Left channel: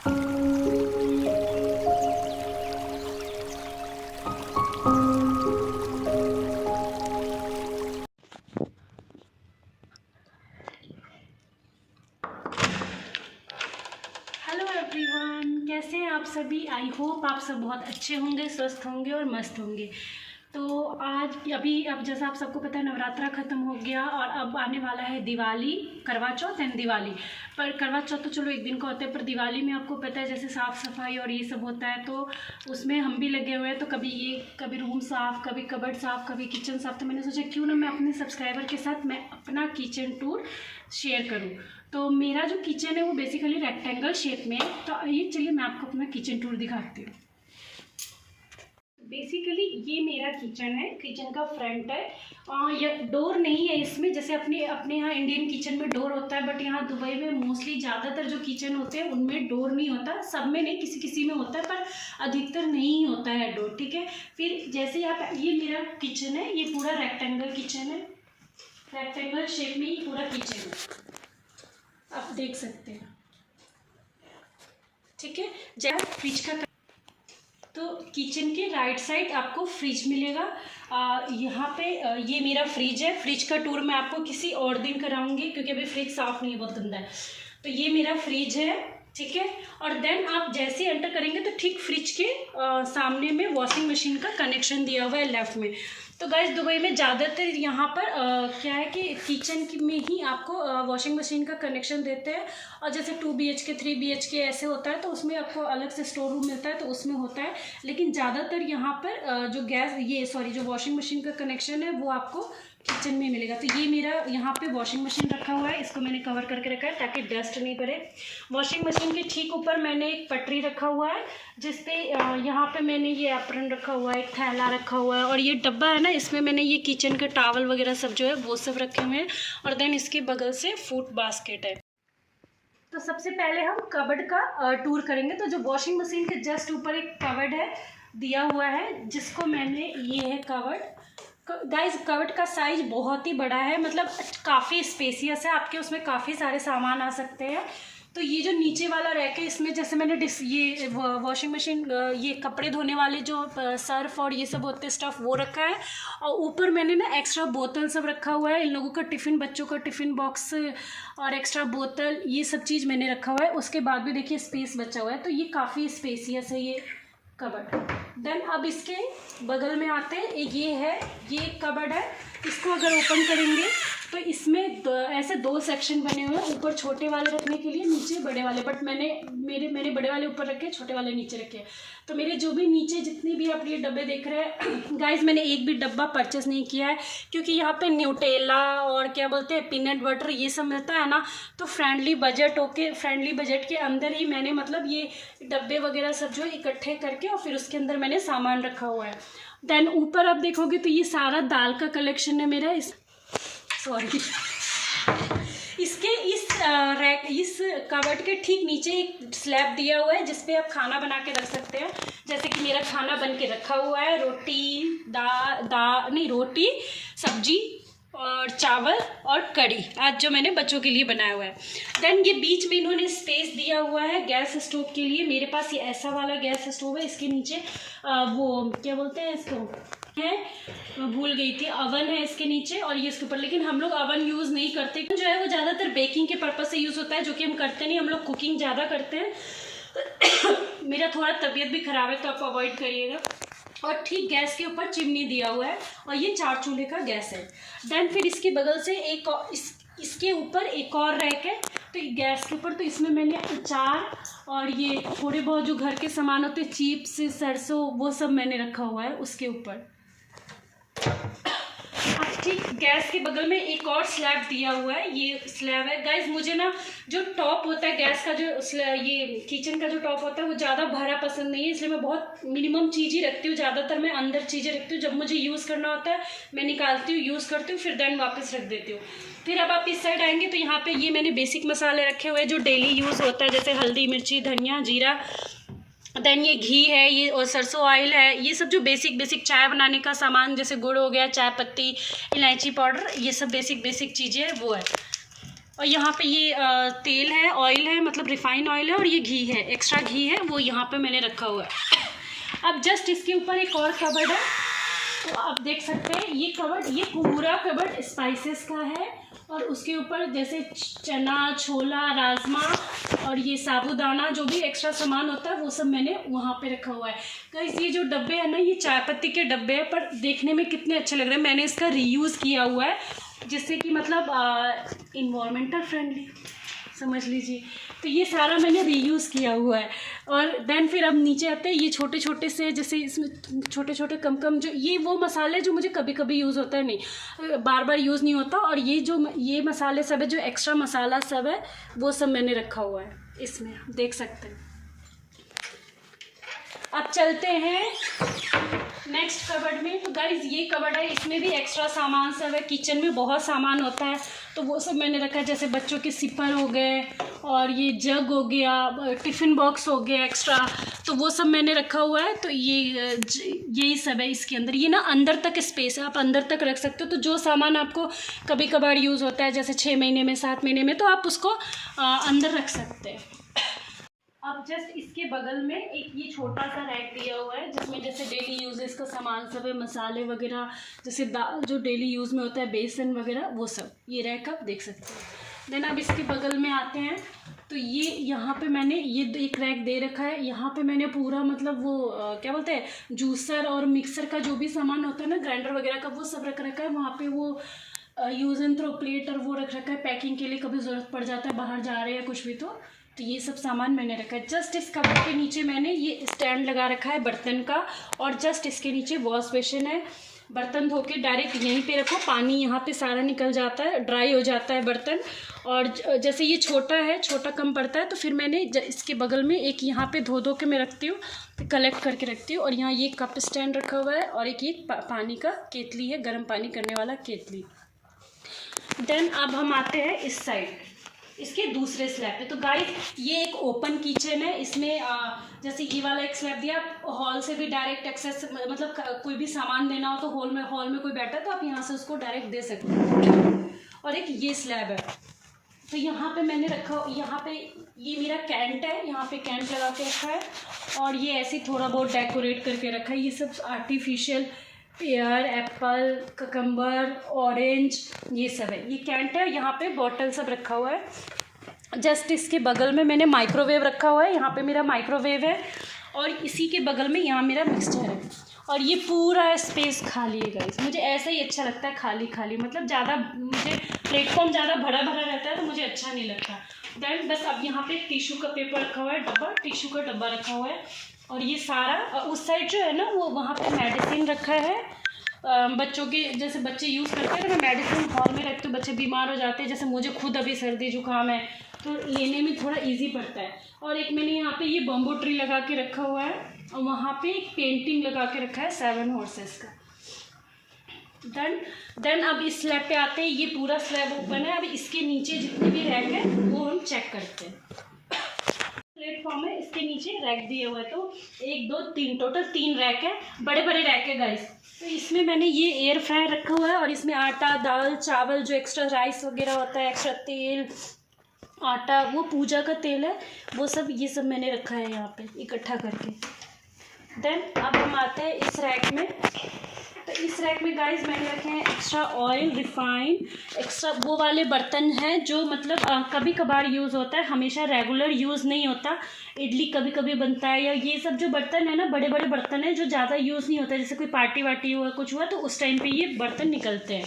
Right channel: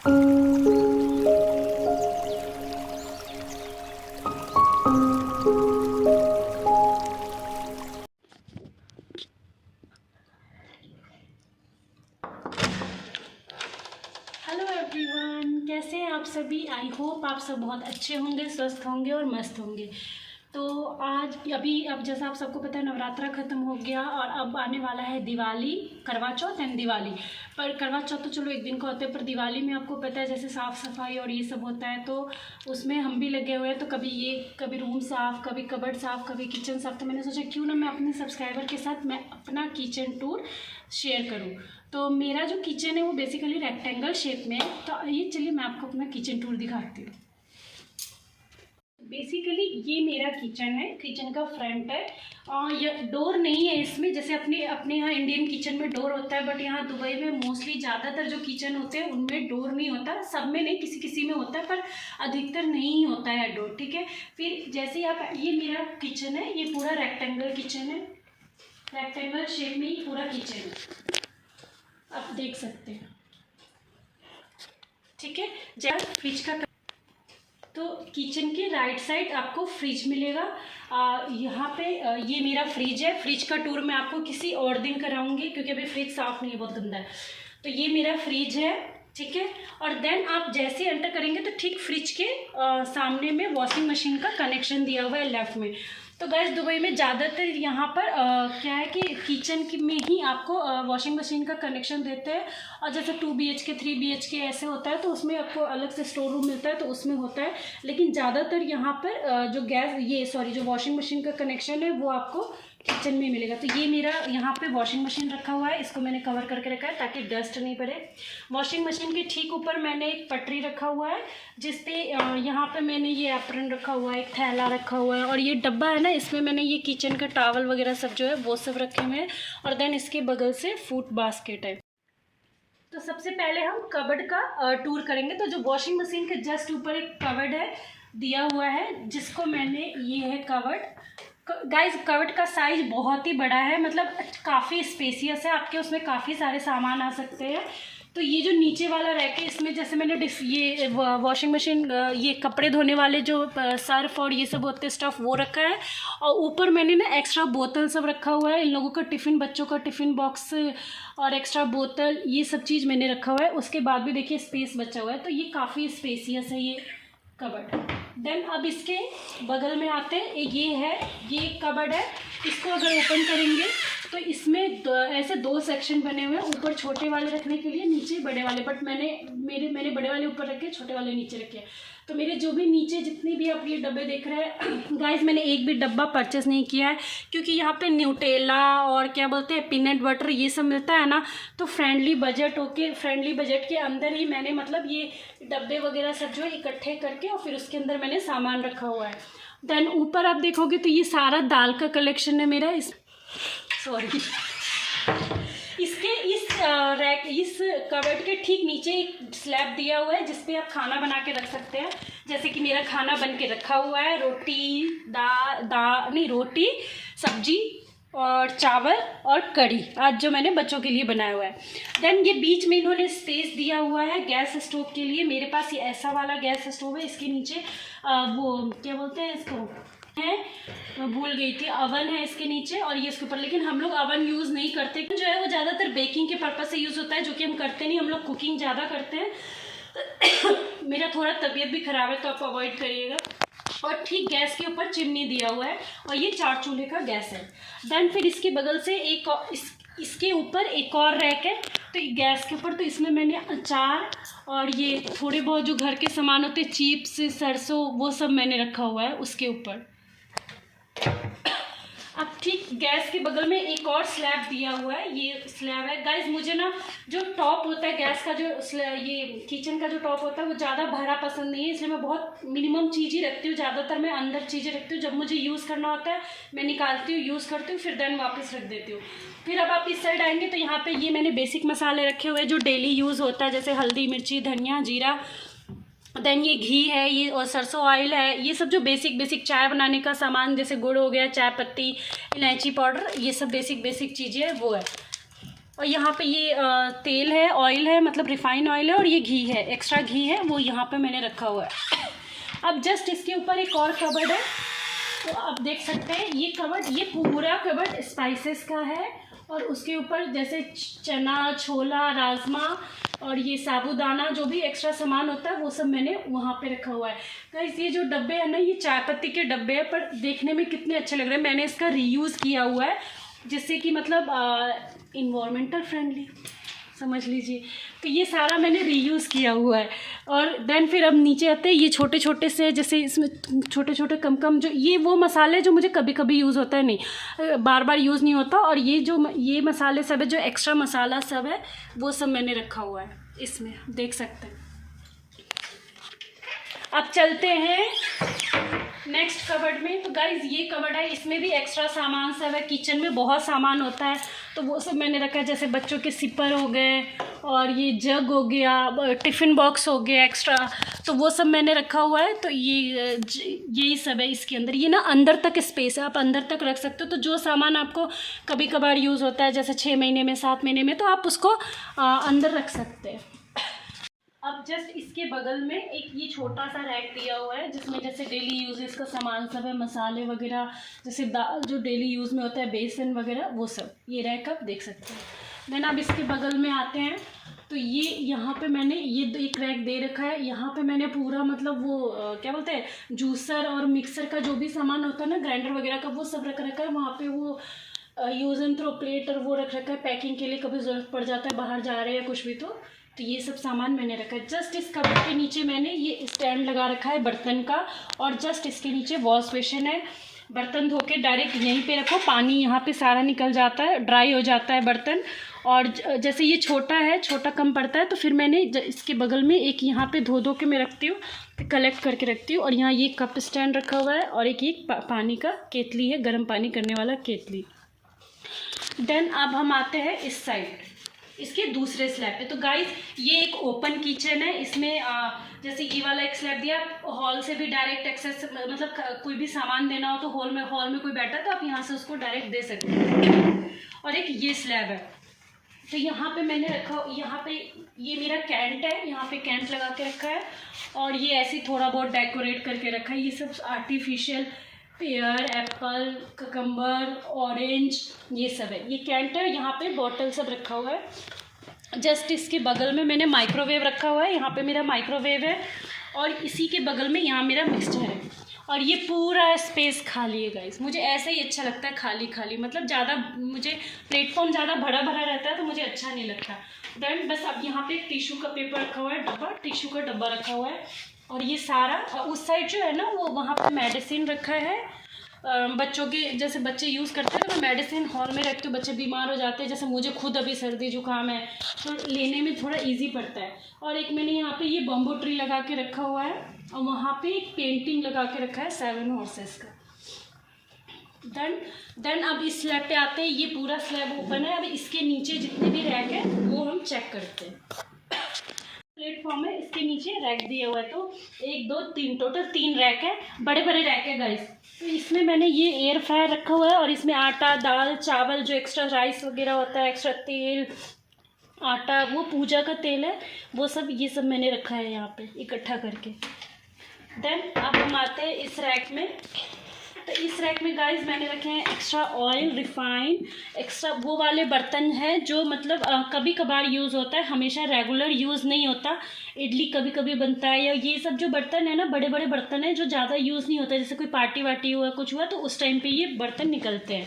Hello everyone, कैसे हैं आप सभी। आई होप आप सब बहुत अच्छे होंगे, स्वस्थ होंगे और मस्त होंगे। तो आज अब जैसा आप सबको पता है, नवरात्रा ख़त्म हो गया और अब आने वाला है दिवाली, करवा चौथ एंड दिवाली। पर करवा चौथ तो चलो एक दिन का होता है, पर दिवाली में आपको पता है जैसे साफ़ सफाई और ये सब होता है, तो उसमें हम भी लगे हुए हैं। तो कभी रूम साफ़, कभी कबर्ड साफ़, कभी किचन साफ़। तो मैंने सोचा क्यों ना मैं अपने सब्सक्राइबर के साथ मैं अपना किचन टूर शेयर करूँ। तो मेरा जो किचन है वो बेसिकली रेक्टेंगल शेप में है। तो ये चलिए मैं आपको अपना किचन टूर दिखाती हूँ। बेसिकली ये मेरा किचन है, किचन का फ्रंट है। ये डोर नहीं है इसमें, जैसे अपने यहाँ इंडियन किचन में डोर होता है, बट यहाँ दुबई में मोस्टली ज़्यादातर जो किचन होते हैं उनमें डोर नहीं होता। सब में नहीं, किसी किसी में होता है, पर अधिकतर नहीं होता है डोर। ठीक है, फिर जैसे आप, ये मेरा किचन है, ये पूरा रेक्टेंगल किचन है, रेक्टेंगल शेप में ही पूरा किचन है, आप देख सकते हैं। ठीक है, जैसे फ्रिज का, तो किचन के राइट साइड आपको फ्रिज मिलेगा। यहाँ पे ये मेरा फ्रिज है। फ्रिज का टूर मैं आपको किसी और दिन कराऊंगी, क्योंकि अभी फ्रिज साफ़ नहीं है, बहुत गंदा है। तो ये मेरा फ्रिज है, ठीक है। और देन आप जैसे एंटर करेंगे तो ठीक फ्रिज के सामने में वॉशिंग मशीन का कनेक्शन दिया हुआ है लेफ़्ट में। तो गाइस दुबई में ज़्यादातर यहाँ पर क्या है कि किचन में ही आपको वॉशिंग मशीन का कनेक्शन देते हैं। और जैसे 2 BHK 3 BHK ऐसे होता है तो उसमें आपको अलग से स्टोर रूम मिलता है, तो उसमें होता है। लेकिन ज़्यादातर यहाँ पर जो वॉशिंग मशीन का कनेक्शन है वो आपको किचन में मिलेगा। तो ये मेरा यहाँ पे वॉशिंग मशीन रखा हुआ है, इसको मैंने कवर करके रखा है ताकि डस्ट नहीं पड़े। वॉशिंग मशीन के ठीक ऊपर मैंने एक पटरी रखा हुआ है, जिसपे यहाँ पे मैंने ये एप्रन रखा हुआ है, एक थैला रखा हुआ है, और ये डब्बा है ना, इसमें मैंने ये किचन के टॉवल वगैरह सब जो है वो सब रखे हुए हैं। और देन इसके बगल से फूड बास्केट है। तो सबसे पहले हम कबर्ड का टूर करेंगे। तो जो वॉशिंग मशीन के जस्ट ऊपर एक कबर्ड है दिया हुआ है, जिसको मैंने, ये है कबर्ड। गाइज कबर्ड का साइज बहुत ही बड़ा है, मतलब काफ़ी स्पेसियस है, आपके उसमें काफ़ी सारे सामान आ सकते हैं। तो ये जो नीचे वाला रैक है, इसमें जैसे मैंने ये वॉशिंग मशीन, ये कपड़े धोने वाले जो सर्फ और ये सब होते हैं स्टफ़, वो रखा है। और ऊपर मैंने ना एक्स्ट्रा बोतल सब रखा हुआ है, इन लोगों का टिफ़िन, बच्चों का टिफ़िन बॉक्स और एक्स्ट्रा बोतल, ये सब चीज़ मैंने रखा हुआ है। उसके बाद भी देखिए स्पेस बचा हुआ है, तो ये काफ़ी स्पेसियस है ये कबर्ड। देन अब इसके बगल में आते हैं, ये कबर्ड है। इसको अगर ओपन करेंगे तो इसमें ऐसे 2 सेक्शन बने हुए हैं, ऊपर छोटे वाले रखने के लिए, नीचे बड़े वाले। बट मैंने बड़े वाले ऊपर रखे, छोटे वाले नीचे रखे। तो मेरे जो भी नीचे जितने भी आप ये डब्बे देख रहे हैं गाइस, मैंने एक भी डब्बा परचेस नहीं किया है, क्योंकि यहाँ पे न्यूटेला और क्या बोलते हैं पीनट बटर ये सब मिलता है ना, तो फ्रेंडली बजट के अंदर ही मैंने, मतलब ये डब्बे वगैरह सब जो इकट्ठे करके और फिर उसके अंदर मैंने सामान रखा हुआ है। देन ऊपर आप देखोगे तो ये सारा दाल का कलेक्शन है मेरा। इस कबर्ड के ठीक नीचे एक स्लैब दिया हुआ है, जिसपे आप खाना बना के रख सकते हैं। जैसे कि मेरा खाना बन के रखा हुआ है, रोटी, सब्जी और चावल और कढ़ी, आज जो मैंने बच्चों के लिए बनाया हुआ है। देन ये बीच में इन्होंने स्पेस दिया हुआ है गैस स्टोव के लिए। मेरे पास ये ऐसा वाला गैस स्टोव है, इसके नीचे वो क्या बोलते हैं इसको, है, मैं भूल गई थी, अवन है इसके नीचे, और ये इसके ऊपर। लेकिन हम लोग अवन यूज़ नहीं करते, जो है वो ज़्यादातर बेकिंग के पर्पज़ से यूज़ होता है, जो कि हम करते नहीं, हम लोग कुकिंग ज़्यादा करते हैं। मेरा थोड़ा तबीयत भी ख़राब है, तो आप अवॉइड करिएगा। और ठीक गैस के ऊपर चिमनी दिया हुआ है, और ये 4 चूल्हे का गैस है। देन फिर इसके बगल से इसके ऊपर एक और रैक है, तो गैस के ऊपर, तो इसमें मैंने अचार और ये थोड़े बहुत जो घर के सामान होते हैं, चिप्स, सरसों, वो सब मैंने रखा हुआ है उसके ऊपर। अब ठीक गैस के बगल में एक और स्लैब दिया हुआ है, ये स्लैब है। गाइज मुझे ना जो टॉप होता है गैस का, ये किचन का जो टॉप होता है, वो ज़्यादा भरा पसंद नहीं है, इसलिए मैं बहुत मिनिमम चीज़ ही रखती हूँ। ज़्यादातर मैं अंदर चीज़ें रखती हूँ, जब मुझे यूज़ करना होता है मैं निकालती हूँ, यूज़ करती हूँ, फिर देन वापस रख देती हूँ। फिर अब आप इस साइड आएंगे तो यहाँ पे ये मैंने बेसिक मसाले रखे हुए हैं जो डेली यूज़ होता है, जैसे हल्दी, मिर्ची, धनिया, जीरा। देन ये घी है, ये और सरसों ऑयल है, ये सब जो बेसिक चाय बनाने का सामान, जैसे गुड़ हो गया, चाय पत्ती, इलायची पाउडर, ये सब बेसिक चीज़ें है वो है। और यहाँ पे ये तेल है, ऑयल है, मतलब रिफाइंड ऑयल है, और ये घी है, एक्स्ट्रा घी है, वो यहाँ पे मैंने रखा हुआ है। अब जस्ट इसके ऊपर एक और कबर्ड है, तो आप देख सकते हैं ये कबर्ड, ये पूरा कबर्ड स्पाइसेस का है। और उसके ऊपर जैसे चना, छोला, राजमा और ये साबूदाना, जो भी एक्स्ट्रा सामान होता है वो सब मैंने वहाँ पे रखा हुआ है। गाइस ये जो डब्बे हैं ना, ये चाय पत्ती के डब्बे हैं, पर देखने में कितने अच्छे लग रहे हैं। मैंने इसका रीयूज़ किया हुआ है, जिससे कि मतलब इन्वायरमेंटल फ्रेंडली समझ लीजिए। तो ये सारा मैंने रीयूज़ किया हुआ है। और देन फिर अब नीचे आते हैं, ये छोटे छोटे से, जैसे इसमें छोटे छोटे कम कम, जो ये वो मसाले जो मुझे कभी कभी यूज़ होता है, नहीं बार बार यूज़ नहीं होता। और ये जो ये मसाले सब है, जो एक्स्ट्रा मसाला सब है, वो सब मैंने रखा हुआ है इसमें, देख सकते हैं। अब चलते हैं नेक्स्ट कबर्ड में। तो गाइज ये कबर्ड है, इसमें भी एक्स्ट्रा सामान सब है। किचन में बहुत सामान होता है, तो वो सब मैंने रखा है, जैसे बच्चों के सिपर हो गए, और ये जग हो गया, टिफ़िन बॉक्स हो गया एक्स्ट्रा, तो वो सब मैंने रखा हुआ है। तो यही सब है इसके अंदर। ये ना अंदर तक स्पेस है, आप अंदर तक रख सकते हो। तो जो सामान आपको कभी कभार यूज़ होता है, जैसे 6 महीने में, 7 महीने में, तो आप उसको अंदर रख सकते हैं। अब जस्ट इसके बगल में एक ये छोटा सा रैक दिया हुआ है, जिसमें जैसे डेली यूजेस का सामान सब है, मसाले वगैरह, जैसे दाल जो डेली यूज़ में होता है, बेसन वगैरह, वो सब ये रैक आप देख सकते हैं। देन अब इसके बगल में आते हैं, तो ये यहाँ पे मैंने ये एक रैक दे रखा है। यहाँ पे मैंने पूरा मतलब वो क्या बोलते हैं, जूसर और मिक्सर का जो भी सामान होता है ना, ग्राइंडर वगैरह का, वो सब रख रखा है। वहाँ पे वो यूज़ एंड थ्रो प्लेट और वो रख रखा है, पैकिंग के लिए कभी ज़रूरत पड़ जाता है, बाहर जा रहे हैं कुछ भी, तो ये सब सामान मैंने रखा है। जस्ट इस कबर्ड के नीचे मैंने ये स्टैंड लगा रखा है बर्तन का, और जस्ट इसके नीचे वॉश बेसिन है। बर्तन धो के डायरेक्ट यहीं पे रखो, पानी यहाँ पे सारा निकल जाता है, ड्राई हो जाता है बर्तन। और जैसे ये छोटा है, छोटा कम पड़ता है, तो फिर मैंने इसके बगल में एक यहाँ पे धो के मैं रखती हूँ, कलेक्ट करके रखती हूँ। और यहाँ ये कप स्टैंड रखा हुआ है, और एक ये पानी का केतली है, गर्म पानी करने वाला केतली। देन अब हम आते हैं इस साइड, इसके दूसरे स्लैब पे। तो गाइस ये एक ओपन किचन है, इसमें जैसे ये वाला एक स्लैब दिया, हॉल से भी डायरेक्ट एक्सेस, मतलब कोई भी सामान देना हो तो हॉल में कोई बैठा है तो आप यहाँ से उसको डायरेक्ट दे सकते हैं। और एक ये स्लैब है, तो यहाँ पे मैंने रखा, यहाँ पे ये मेरा कैंट है, यहाँ पे कैंट लगा के रखा है। और ये ऐसे थोड़ा बहुत डेकोरेट करके रखा है, ये सब artificial pair, Apple, cucumber, orange, ये सब है। ये कैंट है, यहाँ पे बॉटल सब रखा हुआ है। जस्ट इसके बगल में मैंने माइक्रोवेव रखा हुआ है, यहाँ पे मेरा माइक्रोवेव है। और इसी के बगल में यहाँ मेरा मिक्सचर है। और ये पूरा स्पेस खाली है गाइस, मुझे ऐसे ही अच्छा लगता है, खाली खाली, मतलब ज़्यादा मुझे प्लेटफॉर्म ज़्यादा भरा भरा रहता है तो मुझे अच्छा नहीं लगता। देन बस अब यहाँ पे एक टिश्यू का पेपर रखा हुआ है, डब्बा, टिश्यू का डब्बा रखा हुआ है। और ये सारा उस साइड जो है ना, वो वहाँ पे मेडिसिन रखा है, बच्चों के, जैसे बच्चे यूज़ करते हैं ना, मैं मेडिसिन हॉल में रखती हूँ, बच्चे बीमार हो जाते हैं, जैसे मुझे खुद अभी सर्दी जुकाम है तो लेने में थोड़ा इजी पड़ता है। और एक मैंने यहाँ पे ये बम्बो ट्री लगा के रखा हुआ है, और वहाँ पे एक पेंटिंग लगा के रखा है 7 हॉर्सेस का। देन अब इस स्लैब पे आते हैं, ये पूरा स्लैब ओपन है। अब इसके नीचे जितने भी रैक है वो हम चेक करते हैं। प्लेटफॉर्म है, इसके नीचे रैक दिया हुआ है, तो 1 2 3 टोटल 3 रैक है, बड़े बड़े रैक है गाइस। तो इसमें मैंने ये एयर फ्रायर रखा हुआ है, और इसमें आटा, दाल, चावल, जो एक्स्ट्रा राइस वगैरह होता है, एक्स्ट्रा तेल, आटा, वो पूजा का तेल है, वो सब, ये सब मैंने रखा है यहाँ पे इकट्ठा करके। देन अब हम आते हैं इस रैक में। तो इस रैक में गाइस मैंने रखे हैं एक्स्ट्रा ऑयल, रिफाइंड, एक्स्ट्रा वो वाले बर्तन हैं जो मतलब कभी कभार यूज़ होता है, हमेशा रेगुलर यूज़ नहीं होता। इडली कभी कभी बनता है, या ये सब जो बर्तन है ना, बड़े बड़े बर्तन हैं जो ज़्यादा यूज़ नहीं होता, जैसे कोई पार्टी वार्टी हुआ, कुछ हुआ, तो उस टाइम पे ये बर्तन निकलते हैं।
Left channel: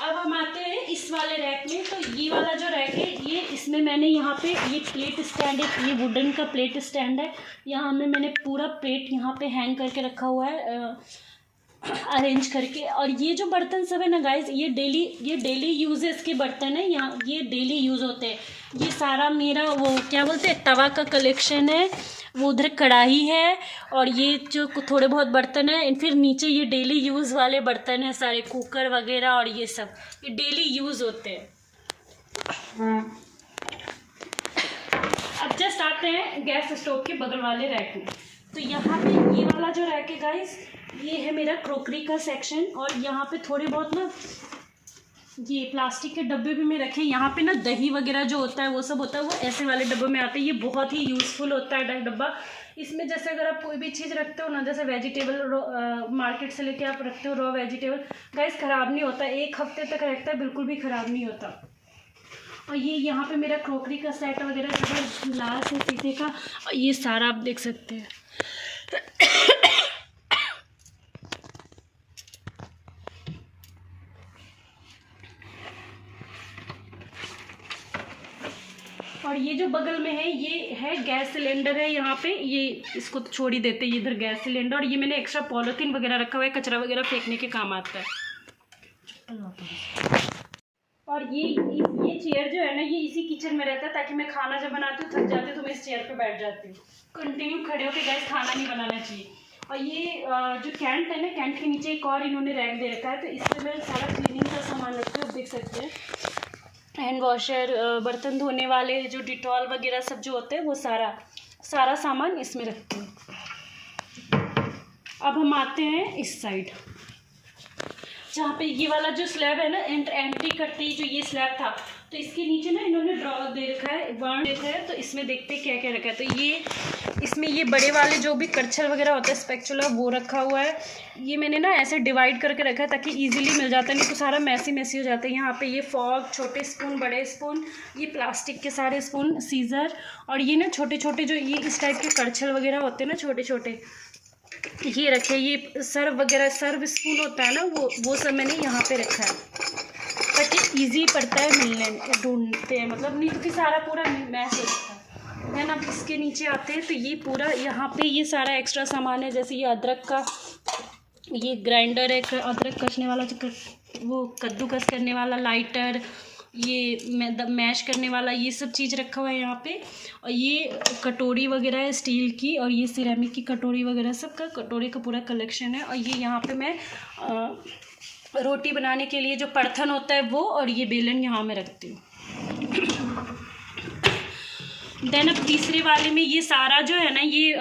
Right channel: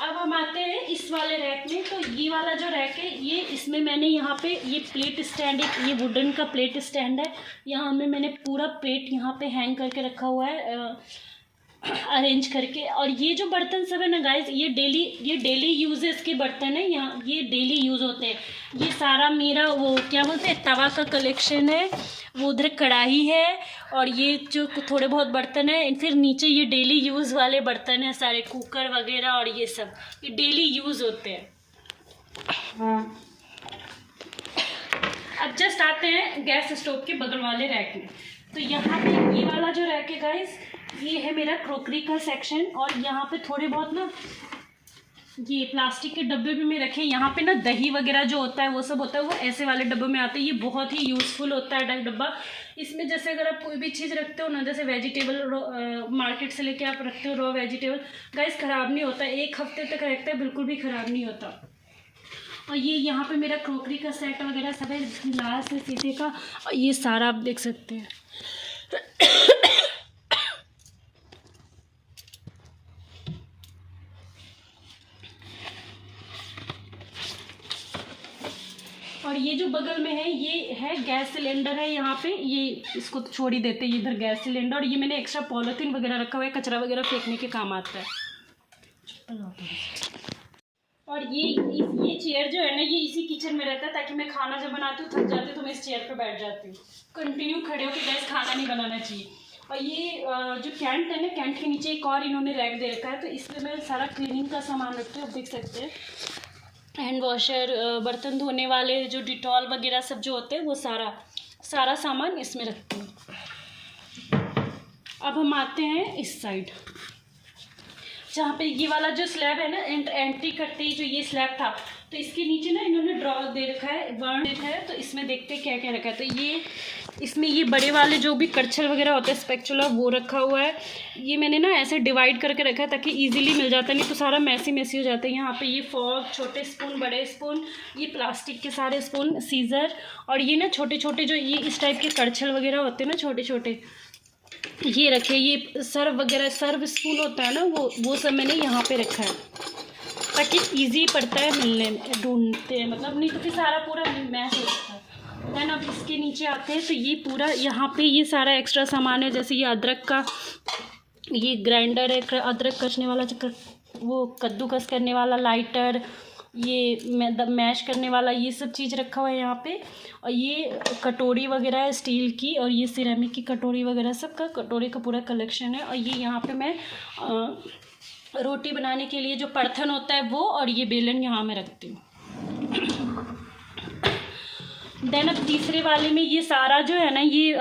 अब हम आते हैं इस वाले रैक में। तो ये वाला जो रैक है, ये इसमें मैंने यहाँ पे ये प्लेट स्टैंड, ये वुडन का प्लेट स्टैंड है, यहाँ में मैंने पूरा प्लेट यहाँ पे हैंग करके रखा हुआ है, अरेंज करके। और ये जो बर्तन सब है ना गाइस, ये डेली यूजेस के बर्तन है, यहाँ ये डेली यूज़ होते हैं। ये सारा मेरा वो क्या बोलते हैं, तवा का कलेक्शन है, वो उधर कढ़ाई है, और ये जो थोड़े बहुत बर्तन है, फिर नीचे ये डेली यूज़ वाले बर्तन है सारे, कुकर वगैरह, और ये सब ये डेली यूज़ होते हैं। अब जस्ट आते हैं गैस स्टोव के बगल वाले रैक में। तो यहाँ पे ये वाला जो रैक है गाइस, ये है मेरा क्रोकरी का सेक्शन, और यहाँ पे थोड़े बहुत ना ये प्लास्टिक के डब्बे भी मैं रखे। यहाँ पे ना दही वगैरह जो होता है वो सब होता है, वो ऐसे वाले डब्बे में आते हैं। ये बहुत ही यूज़फुल होता है डब्बा। इसमें जैसे अगर आप कोई भी चीज़ रखते हो ना, जैसे वेजिटेबल मार्केट से लेके आप रखते हो रॉ वेजिटेबल, गाइस ख़राब नहीं होता, 1 हफ्ते तक रहता है, बिल्कुल भी ख़राब नहीं होता। और ये यहाँ पे मेरा क्रॉकरी का सेट वगैरह सब है, ग्लास है शीशे का, और ये सारा आप देख सकते हैं। और ये जो बगल में है ये है गैस सिलेंडर है। यहाँ पे ये इसको तो छोड़ ही देते हैं, इधर गैस सिलेंडर। और ये मैंने एक्स्ट्रा पॉलीथीन वगैरह रखा हुआ है, कचरा वगैरह फेंकने के काम आता है। और ये चेयर जो है ना, ये इसी किचन में रहता है, ताकि मैं खाना जब बनाती हूँ थक जाती हूँ तो मैं इस चेयर पे बैठ जाती हूँ। कंटिन्यू खड़े होकर गैस खाना नहीं बनाना चाहिए। और ये जो कैंट है ना, कैंट के नीचे एक और इन्होंने रैक दे रखा है, तो इसमें मैं सारा क्लीनिंग का सामान रखती हूँ। आप देख सकते हैं हैंड वॉशर, बर्तन धोने वाले जो डिटॉल वगैरह सब जो होते हैं, वो सारा सामान इसमें रखती हूँ। अब हम आते हैं इस साइड, जहाँ पे ये वाला जो स्लैब है ना, एंट्री करते ही जो ये स्लैब था, तो इसके नीचे ना इन्होंने ड्रॉर दे रखा है, बर्न रखा है। तो इसमें देखते हैं क्या क्या रखा है। तो ये इसमें ये बड़े वाले जो भी करछल वगैरह होता है, स्पैचुला, वो रखा हुआ है। ये मैंने ना ऐसे डिवाइड करके रखा है ताकि इजीली मिल जाता है, नहीं तो सारा मैसी हो जाता है। यहाँ पे ये फॉर्क, छोटे स्पून, बड़े स्पून, ये प्लास्टिक के सारे स्पून, सीजर, और ये ना छोटे छोटे जो ये इस टाइप के करछल वगैरह होते हैं ना, छोटे छोटे, ये रखे। ये सर्व वगैरह, सर्व स्पून होता है ना, वो सब मैंने यहाँ पे रखा है ताकि इजी पड़ता है मिलने में, ढूंढते हैं मतलब, नहीं तो फिर सारा पूरा मैच हो जाता है। देन अब इसके नीचे आते हैं, तो ये पूरा यहाँ पे ये सारा एक्स्ट्रा सामान है। जैसे ये अदरक का ये ग्राइंडर है, अदरक कसने वाला, वो कद्दूकस करने वाला लाइटर, ये मैश करने वाला, ये सब चीज़ रखा हुआ है यहाँ पे। और ये कटोरी वगैरह है स्टील की, और ये सिरेमिक की कटोरी वगैरह, सब का कटोरी का पूरा कलेक्शन है। और ये यहाँ पे मैं रोटी बनाने के लिए जो परथन होता है वो, और ये बेलन यहाँ मैं रखती हूँ। देन अब तीसरे वाले में ये सारा जो है ना, ये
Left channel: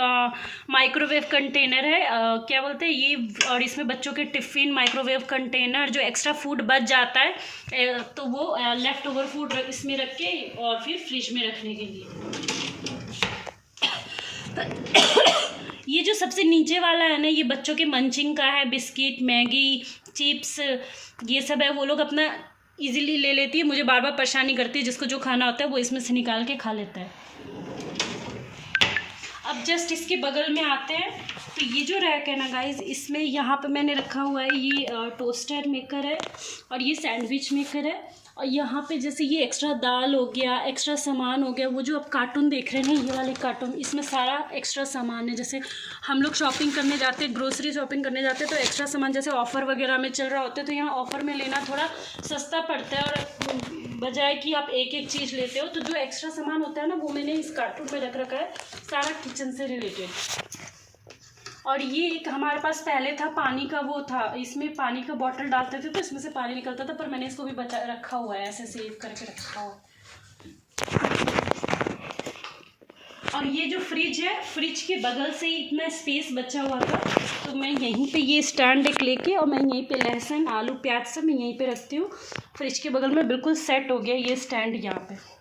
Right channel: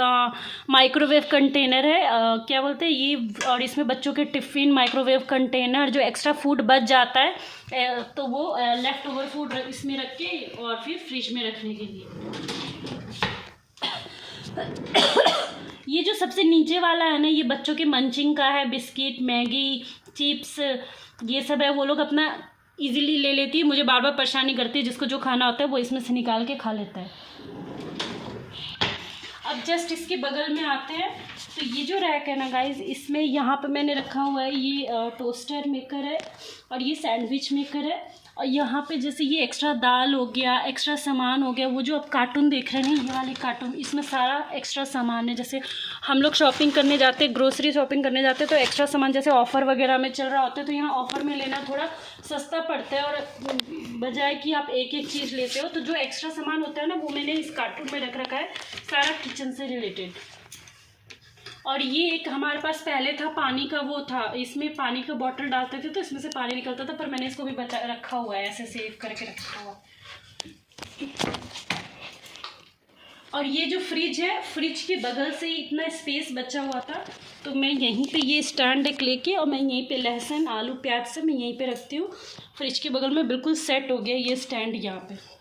माइक्रोवेव कंटेनर है, क्या बोलते हैं ये, और इसमें बच्चों के टिफ़िन, माइक्रोवेव कंटेनर, जो एक्स्ट्रा फूड बच जाता है तो वो लेफ़्ट ओवर फूड इसमें रख के और फिर फ्रिज में रखने के लिए। ये जो सबसे नीचे वाला है ना, ये बच्चों के मंचिंग का है, बिस्किट, मैगी, चिप्स, ये सब है। वो लोग अपना इजीली ले लेती है, मुझे बार बार परेशानी करती है। जिसको जो खाना होता है वो इसमें से निकाल के खा लेता है। अब जस्ट इसके बगल में आते हैं, तो ये जो रैक है ना गाइज, इसमें यहाँ पे मैंने रखा हुआ है ये टोस्टर मेकर है, और ये सैंडविच मेकर है। और यहाँ पे जैसे ये एक्स्ट्रा दाल हो गया, एक्स्ट्रा सामान हो गया, वो जो आप कार्टून देख रहे हैं ये वाले कार्टून, इसमें सारा एक्स्ट्रा सामान है। जैसे हम लोग शॉपिंग करने जाते हैं, ग्रोसरी शॉपिंग करने जाते हैं, तो एक्स्ट्रा सामान जैसे ऑफ़र वगैरह में चल रहा होता है, तो यहाँ ऑफ़र में लेना थोड़ा सस्ता पड़ता है, और बजाय कि आप एक एक चीज़ लेते हो, तो जो एक्स्ट्रा सामान होता है ना, वो मैंने इस कार्टून में रख रखा है, सारा किचन से रिलेटेड। और ये एक हमारे पास पहले था पानी का, वो था, इसमें पानी का बॉटल डालते थे तो इसमें से पानी निकलता था, पर मैंने इसको भी बचा रखा हुआ है, ऐसे सेव करके रखा हुआ है। और ये जो फ्रिज है, फ्रिज के बगल से ही इतना स्पेस बचा हुआ था, तो मैं यहीं पे ये स्टैंड एक लेके, और मैं यहीं पे लहसुन, आलू, प्याज सब मैं यहीं पे रखती हूँ। फ्रिज के बगल में बिल्कुल सेट हो गया ये स्टैंड यहाँ पे।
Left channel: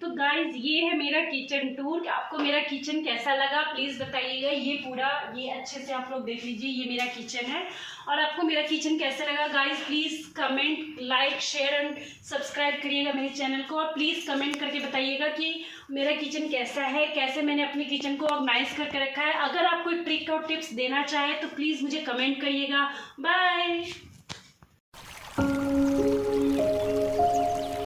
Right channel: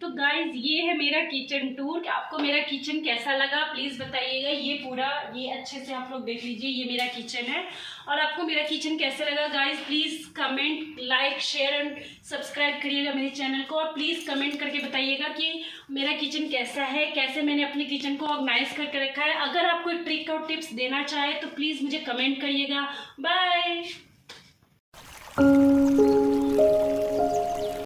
तो गाइज ये है मेरा किचन टूर। आपको मेरा किचन कैसा लगा प्लीज़ बताइएगा। ये पूरा ये अच्छे से आप लोग देख लीजिए, ये मेरा किचन है। और आपको मेरा किचन कैसा लगा guys, please comment, like, share and subscribe करिएगा मेरे चैनल को। और प्लीज़ कमेंट करके बताइएगा कि मेरा किचन कैसा है, कैसे मैंने अपने किचन को ऑर्गेनाइज करके रखा है। अगर आप कोई ट्रिक और टिप्स देना चाहे तो प्लीज़ मुझे कमेंट करिएगा। बाय।